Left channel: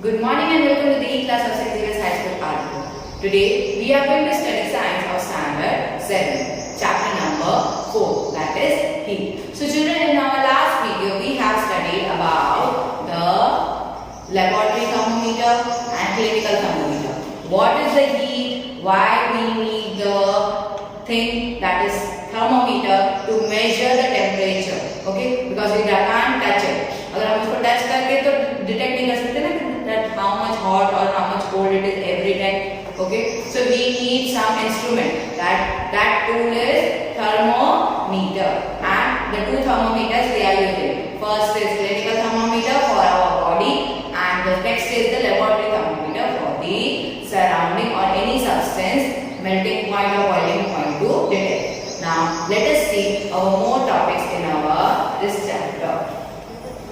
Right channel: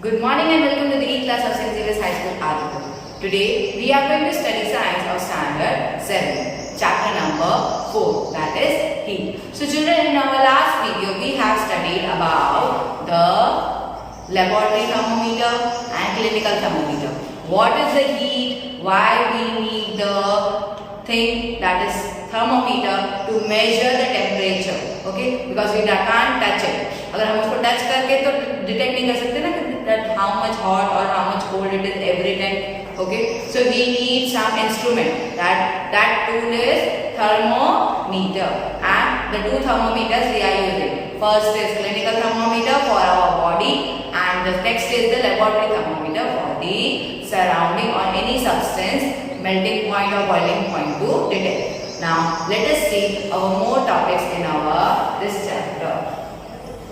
Good morning and welcome to the E-class of St. Xavier's High School, Alipur. Today we are going to study science of standard 7, chapter number 4, that is heat. So children, in our last video we have studied about the laboratory thermometer and clinical thermometer. What is the heat? Why we need the thing that is thermometer to measure the temperature, okay? Because we can't touch it. अगर हम उसको touch करके तो detect नहीं कर सकते ना that how much hot or how much cold it is every time, okay? So we need some instrument. That tool is thermometer, and the two thermometers we are using. First is clinical thermometer for our body, and the next is the laboratory thermometer for the surrounding or any substance melting point or boiling point to detect. Now let us see our more topics in our this chapter.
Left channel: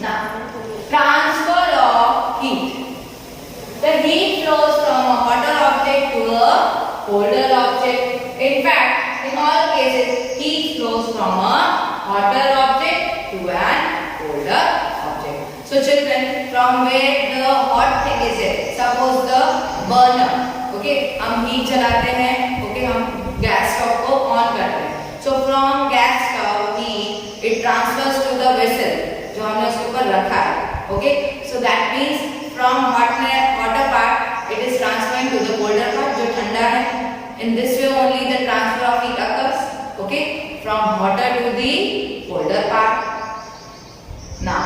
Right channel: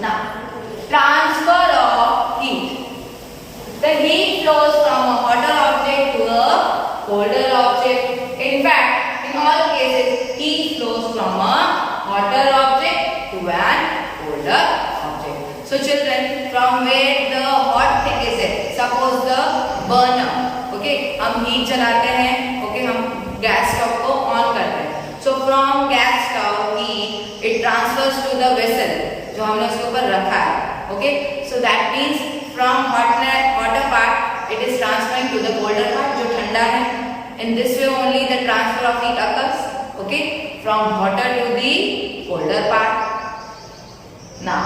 Now, transfer of heat. The heat flows from a hotter object to a colder object. In fact, in all cases, heat flows from a hotter object to an colder object. So children, from where the hot thing is it? Suppose the burner. Okay, हम heat जलाते हैं. Okay, हम gas stove को on करते हैं. So from gas stove heat, it transfers to the vessel जो हमने उसके ऊपर रखा है. Okay, so that means from hotter part it is transferring to the colder part जो ठंडा है. In this way only the transfer of heat occurs. Okay, from hotter to the colder part. Now,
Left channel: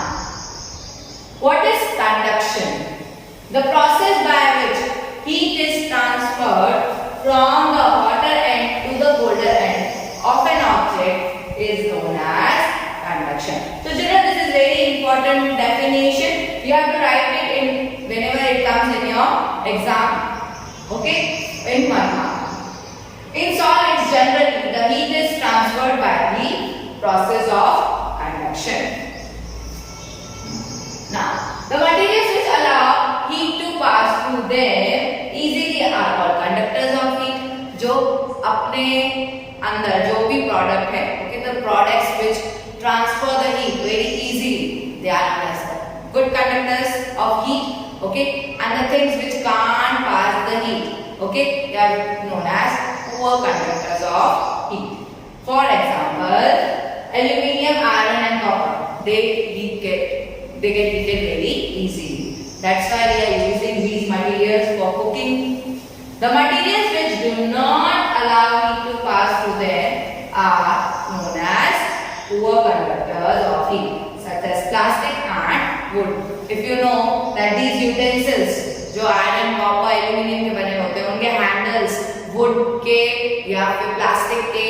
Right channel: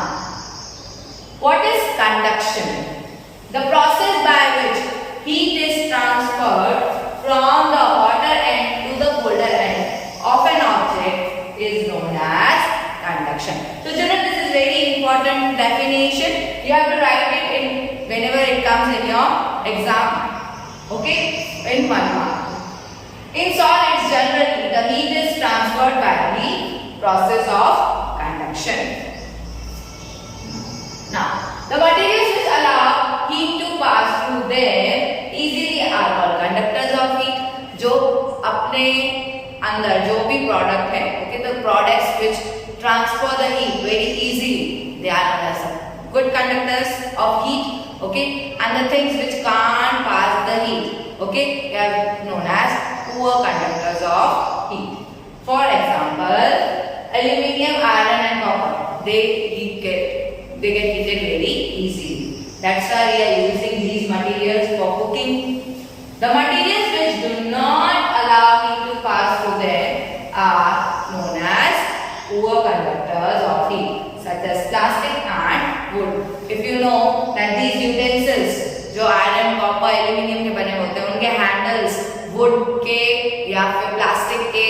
what is conduction? The process by which heat is transferred from the hotter end to the colder end of an object is known as conduction. So children, this is very important definition. You have to write it in whenever it comes in your exam. Okay, in 1 mark. In solids generally the heat is transferred by the process of conduction. Now, the materials which allow heat to pass through them easily are called conductors of heat. जो अपने अंदर जो भी product है, okay, the products which transfer the heat very easily, they are known as good conductors of heat, okay, and the things which can't pass the heat, okay, they are known as poor conductors of heat. For example, aluminium, iron and copper, they get heated very easily. That's why we are using these materials for cooking. The materials which do not allow heat to pass through them are known as poor conductors of heat, such as plastic and wood. If you know that these utensils जो iron, copper, aluminium के बने होते हैं, उनके handles wood के या फिर plastic के,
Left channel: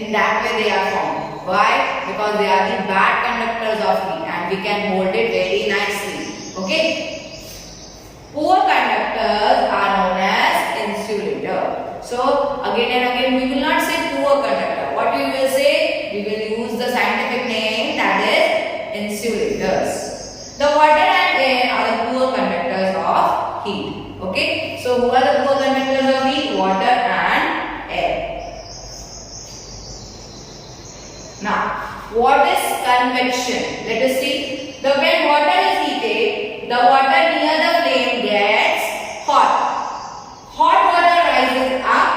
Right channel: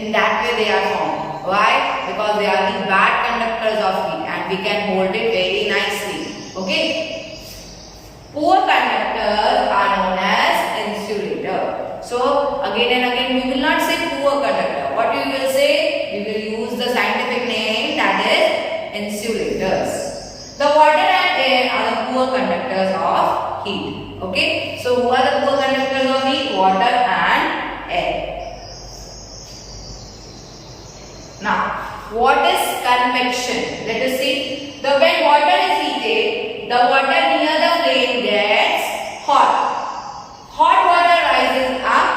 in that way they are formed. Why? Because they are the bad conductors of heat and we can hold it very nicely. Okay? Poor conductors are known as insulator. So again and again we will not say poor conductor. What we will say? We will use the scientific name, that is insulators. The water and air are the poor conductors of heat. Okay? So who are the poor conductors of heat? Water and air. Now, what is convection? Let us see. When water is heated, the water near the flame gets hot. Hot water rises up.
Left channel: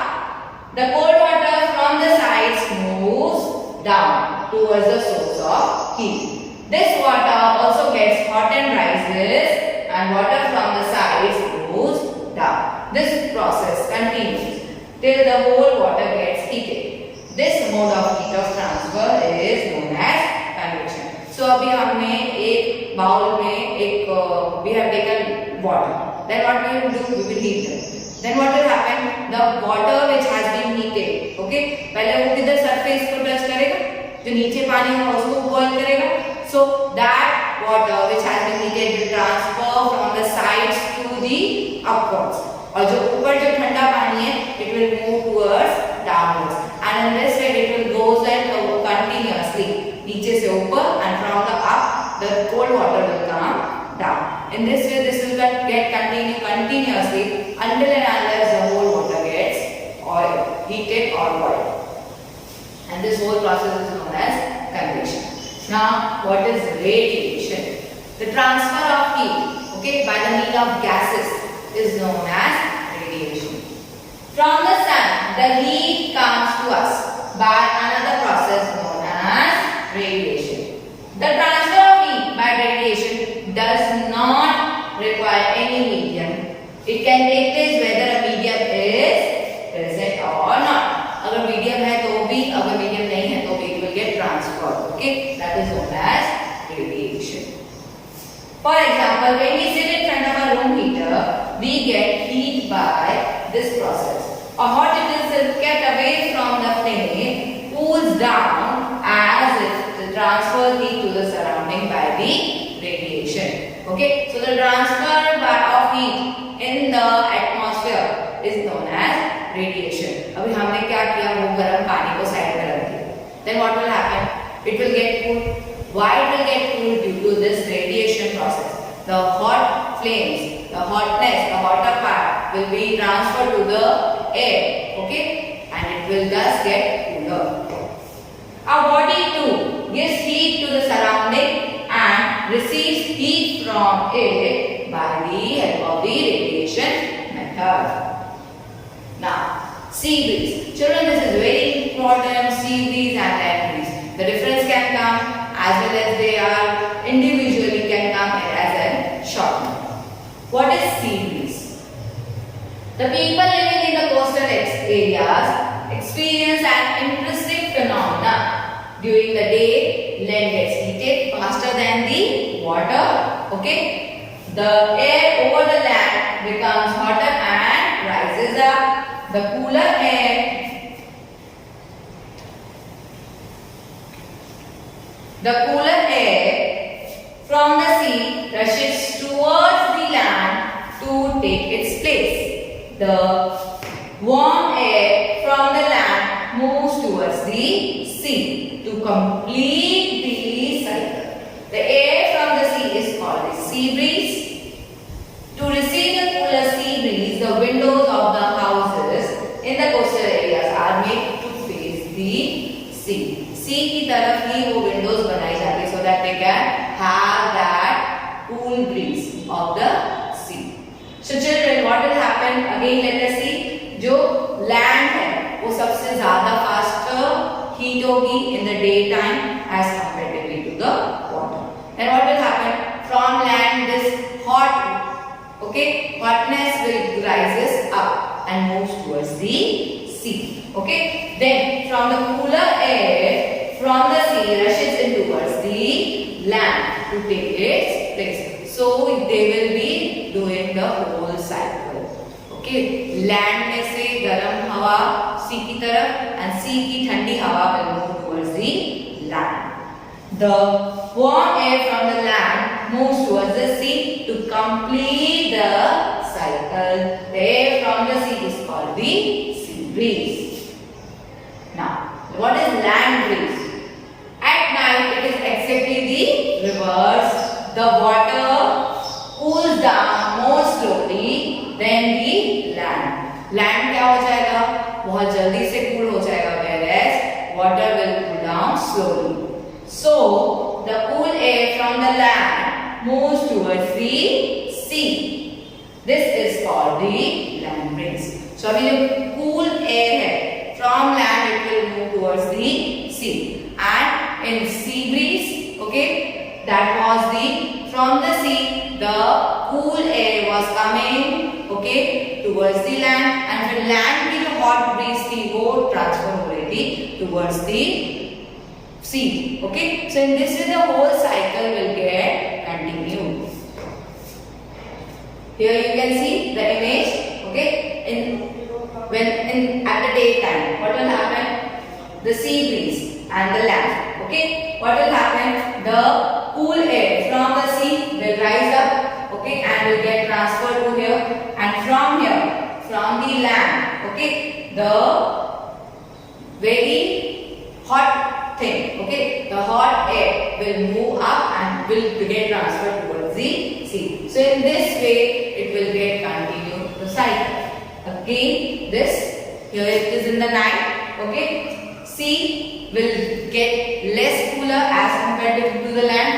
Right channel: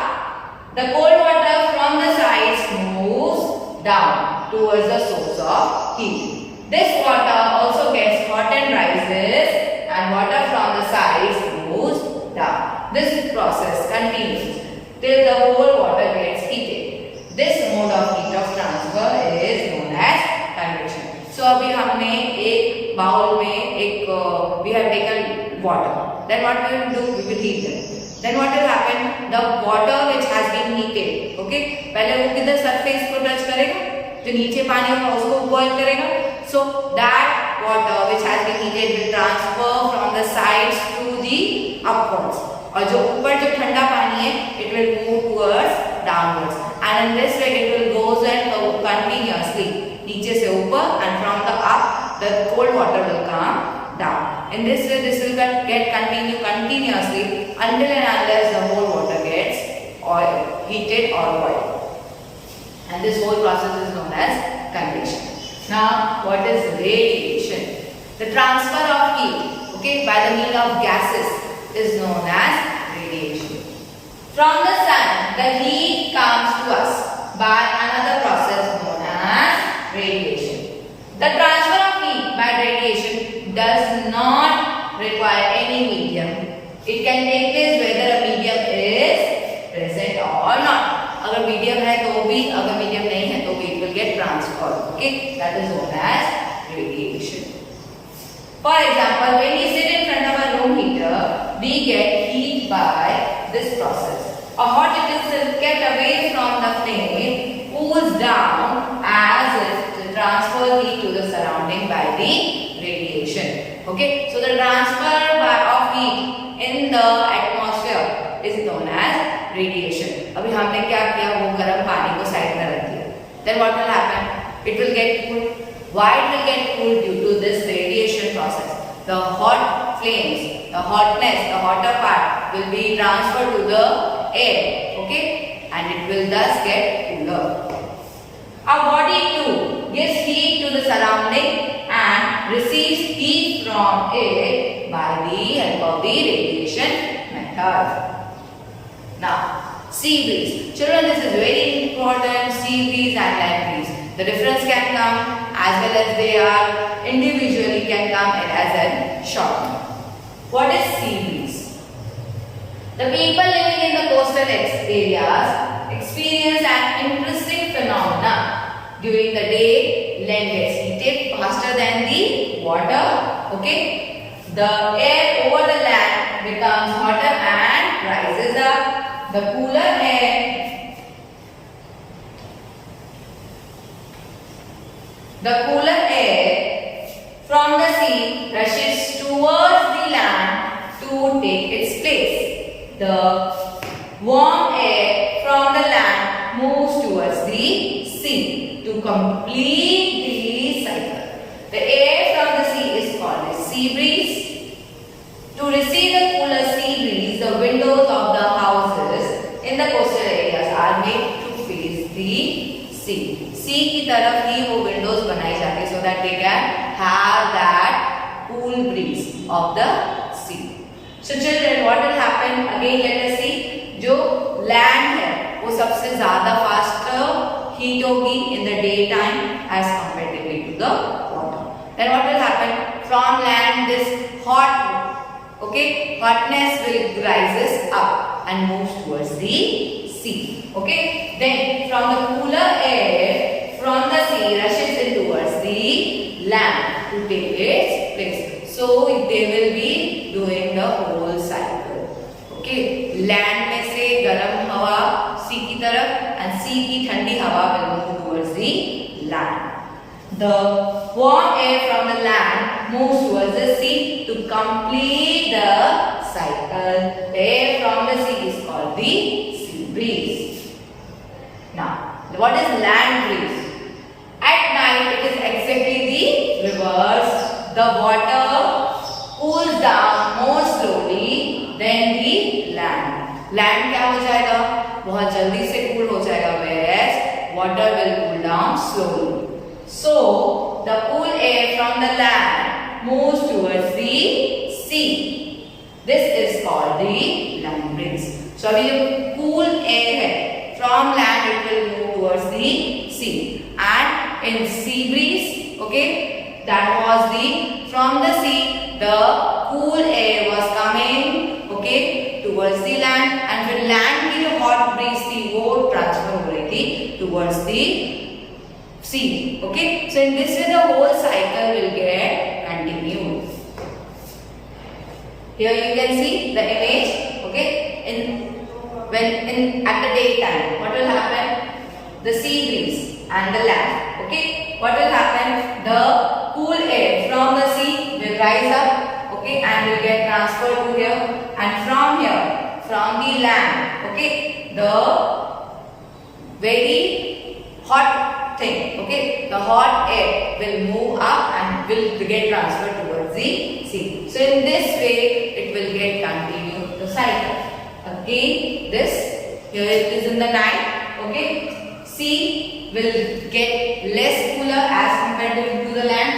The cold water from the sides moves down towards the source of heat. This water also gets hot and rises, and water from the sides moves down. This process continues till the whole water gets heated. This mode of heat of transfer is known as convection. So अभी हमने एक bowl में we have taken water. Then what we will do? We will heat them. Then what will happen? The water which has been heated, okay, पहले वो किधर surface को touch करेगा, जो नीचे पानी होगा उसको boil करेगा. So that water which has been heated will transfer from the sides to the upwards. और जो ऊपर जो ठंडा पानी है, it will move towards downwards. And in this way it will goes and go continuously. नीचे से ऊपर, and from the up the cold water will come down. In this way this will get continuously until and unless the whole water gets heated or boiled. And this whole process is known as convection. Now, what is radiation? The transfer of heat. okay, by the means of gases is known as radiation. From the sun, the heat comes to us by another process known as radiation. The transfer of heat by radiation does not require any medium. It can take place whether a medium is present or not. अगर medium है तो भी, अगर medium नहीं है तो भी it will get transferred. Okay, that is known as radiation. For example, when we sit in front of a room heater, we get heat by this process. A hot utensil kept away from the flame cools down as it transfers heat to the surrounding by the radiation. Okay, so the transfer of heat in the atmosphere is known as radiation. अभी हमने क्या किया, वो गर्म पानी को side में रख दिया. Then what will happen? It will get cool. Why it will get cool? Due to this radiation process. The hot flames, the hotness, the hotter part will be transferred to the air. Okay, and it will thus get cooler. Our body too gives heat to the surrounding and receives heat from it by the help of the radiation method. Now, sea breeze. Children, this is very important, sea breeze and land breeze. The difference can come as well as they are individually can come as a short term. What is sea breeze? The people living in the coastal areas experience an interesting phenomenon. During the day, land gets heated faster than the water. Okay? The air over the land becomes hotter and rises up. The cooler air from the sea rushes towards the land to take its place. The warm air from the land moves towards the sea to complete the cycle. The air from the sea is called a sea breeze. To receive the cooler sea breeze, the windows of the houses in the coastal areas are made to face the sea. Sea की तरफ ही वो windows बनाई जाती है so that they can have that cool breeze of the sea. So children, what will happen? Again, let us see. जो land है वो सबसे ज़्यादा faster heat होगी in the daytime as comparatively to the water. Then what will happen? From land, this hotness will rises up and moves towards the sea. Okay, then from the cooler air from the sea rushes in towards the land to take its place. So they will be doing the whole cycle. Okay, land में से गर्म हवा sea की तरफ and sea की ठंडी हवा will move towards the land. The warm air from the land moves towards the sea to complete the cycle. The air from the sea is called the sea breeze. Now, what is land breeze? At night, it is exactly the reverse. The water cools down more slowly than the land. Land क्या हो जाएगा? बहुत जल्दी से cool हो जाएगा, whereas water will cool down slowly. So, the cool air from the land moves towards the sea. This is called the land breeze. So, अभी जो cool air है from land, it will move towards the sea. And in sea breeze, okay, that was the from the sea, the cool air was coming, okay, towards the land, and फिर land की जो hot breeze थी वो transfer हो रही थी towards the sea. Okay, so in this way the whole cycle will get continued. Here you can see the image. Okay, at the daytime, what will happen? The sea breeze and the land. Okay, what will happen? The cool air from the sea will rise up. Okay, and will get transferred to here, and from here, from the land. Okay, the very hot thing, okay, the hot air will move up and will get transferred towards the sea. So in this way, it will get continued the cycle. Again, this here it is in the night, okay, sea will get less cooler as compared to the land.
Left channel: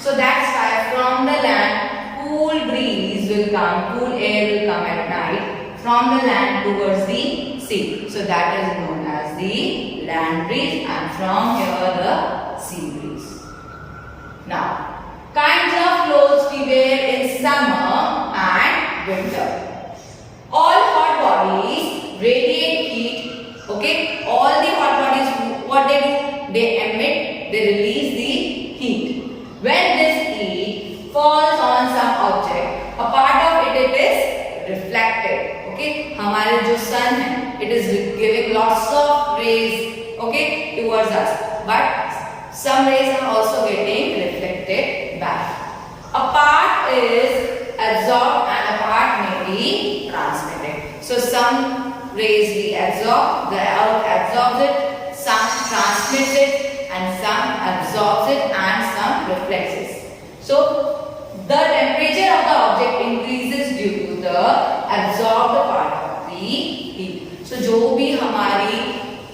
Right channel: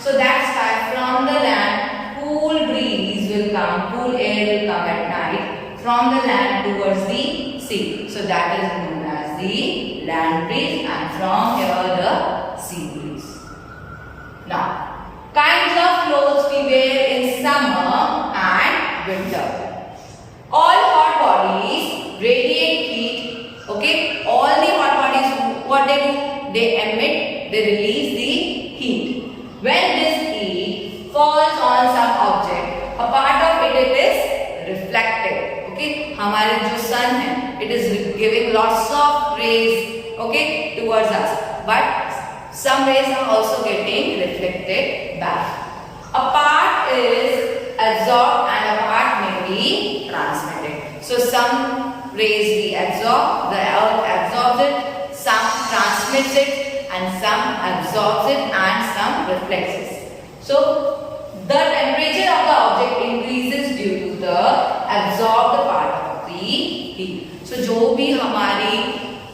So that's why from the land, cool cool breeze will come, cool air will come at night from the land towards the sea. So that is known as the land breeze, and from here the sea breeze. Now, kinds of clothes we wear in summer and winter. All hot bodies radiate heat. Okay, all the hot bodies, what they do? They emit, they release the heat. When this heat falls on some object, a part of it is reflected. Okay, हमारे जो sun है, it is giving lots of rays, okay, towards us. But some rays are also getting reflected back. A part is absorbed and a part may be transmitted. So some rays we absorb, the earth absorbs it, some transmits it, and some absorbs it, and some reflects it. So the temperature of the object increases due to the absorbed part of the heat. So जो भी हमारी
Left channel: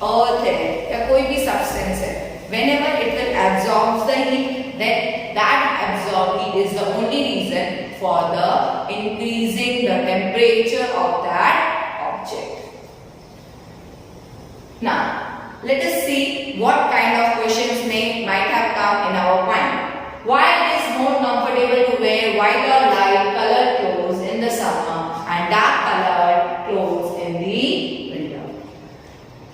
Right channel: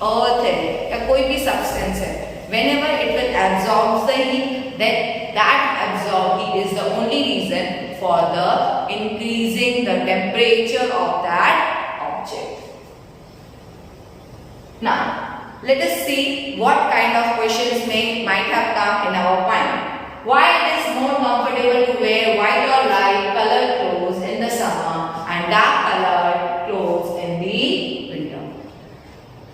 earth है या कोई भी substance है, whenever it will absorb the heat, then that absorbed heat is the only reason for the increasing the temperature of that object. Now, let us see what kind of questions might have come in our mind. Why it is more comfortable to wear white or light colored clothes in the summer and dark colored clothes in the winter?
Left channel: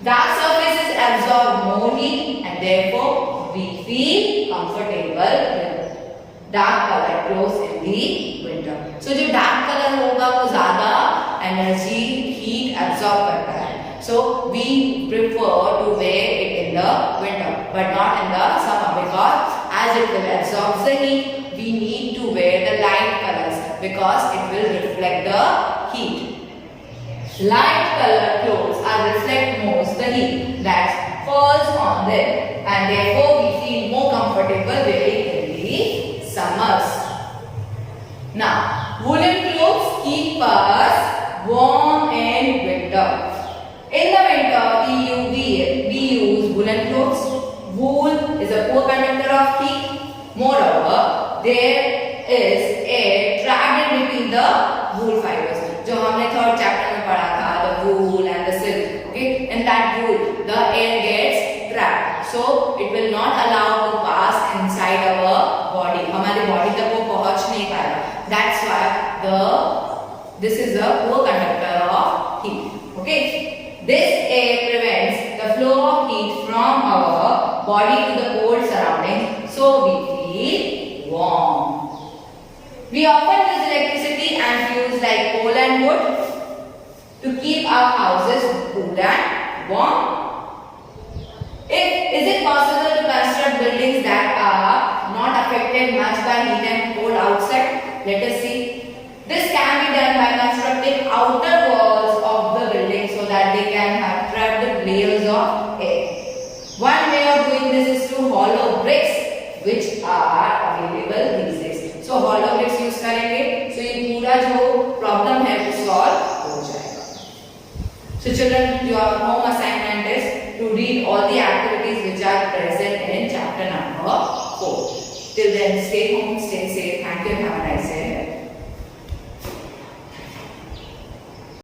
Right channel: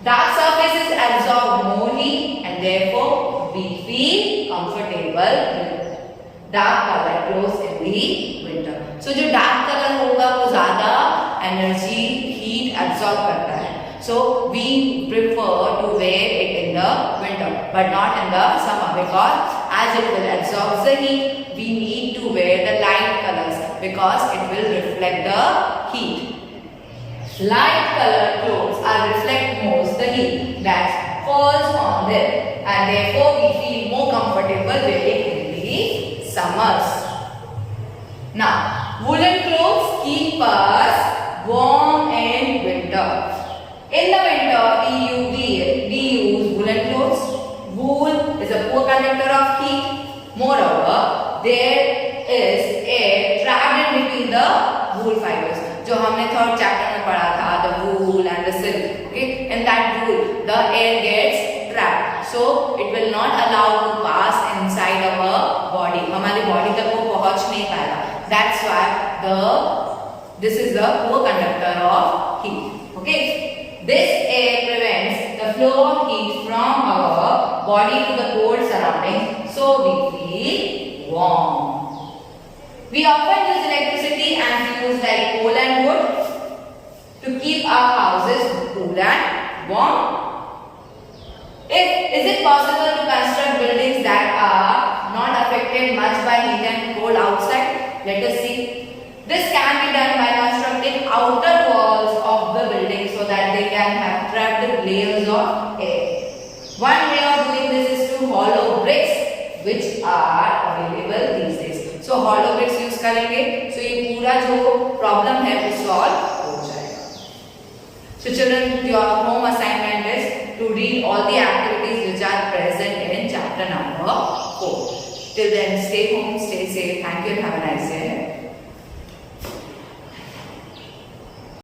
Dark surfaces absorb more heat and therefore we feel comfortable with dark colored clothes in the winter. So जो dark color होगा वो ज़्यादा energy heat absorb करता है. So we prefer to wear it in the winter but not in the summer, because as it will absorb the heat, we need to wear the light colors because it will reflect the heat. Light colored clothes are reflect most the heat that falls on them, and therefore we feel more comfortable wearing in the summers. Now, woolen clothes keep us warm in winter. In the winter, we use woolen clothes. Wool is a poor conductor of heat. Moreover, there is air trapped in between the wool fibers. जो हमने third chapter में पढ़ा था, the wool and the silk. Okay, in that wool, the air gets trapped, so it will not allow to pass inside our body. हमारी body तक वो पहुँच नहीं पाएगा. That's why this is the poor conductor of heat. Okay. This air prevents the flow of heat from our body to the cold surroundings, so we feel warm. We often use electricity and fuels like coal and wood to keep our houses cool and warm. Is it possible to construct buildings that are not affected much by heat and cold outside? Let us see. This can be done by constructing outer walls of the building so that they can have trapped layers of air. One way of doing this is to hollow bricks, which are available these days. So hollow bricks use करेंगे, so ये पूरा जो problem है वो solve हो जाएगा. So children, your home assignment is to read all the activities which are present in chapter number 4. Till then, stay home, stay safe. Thank you and have a nice day.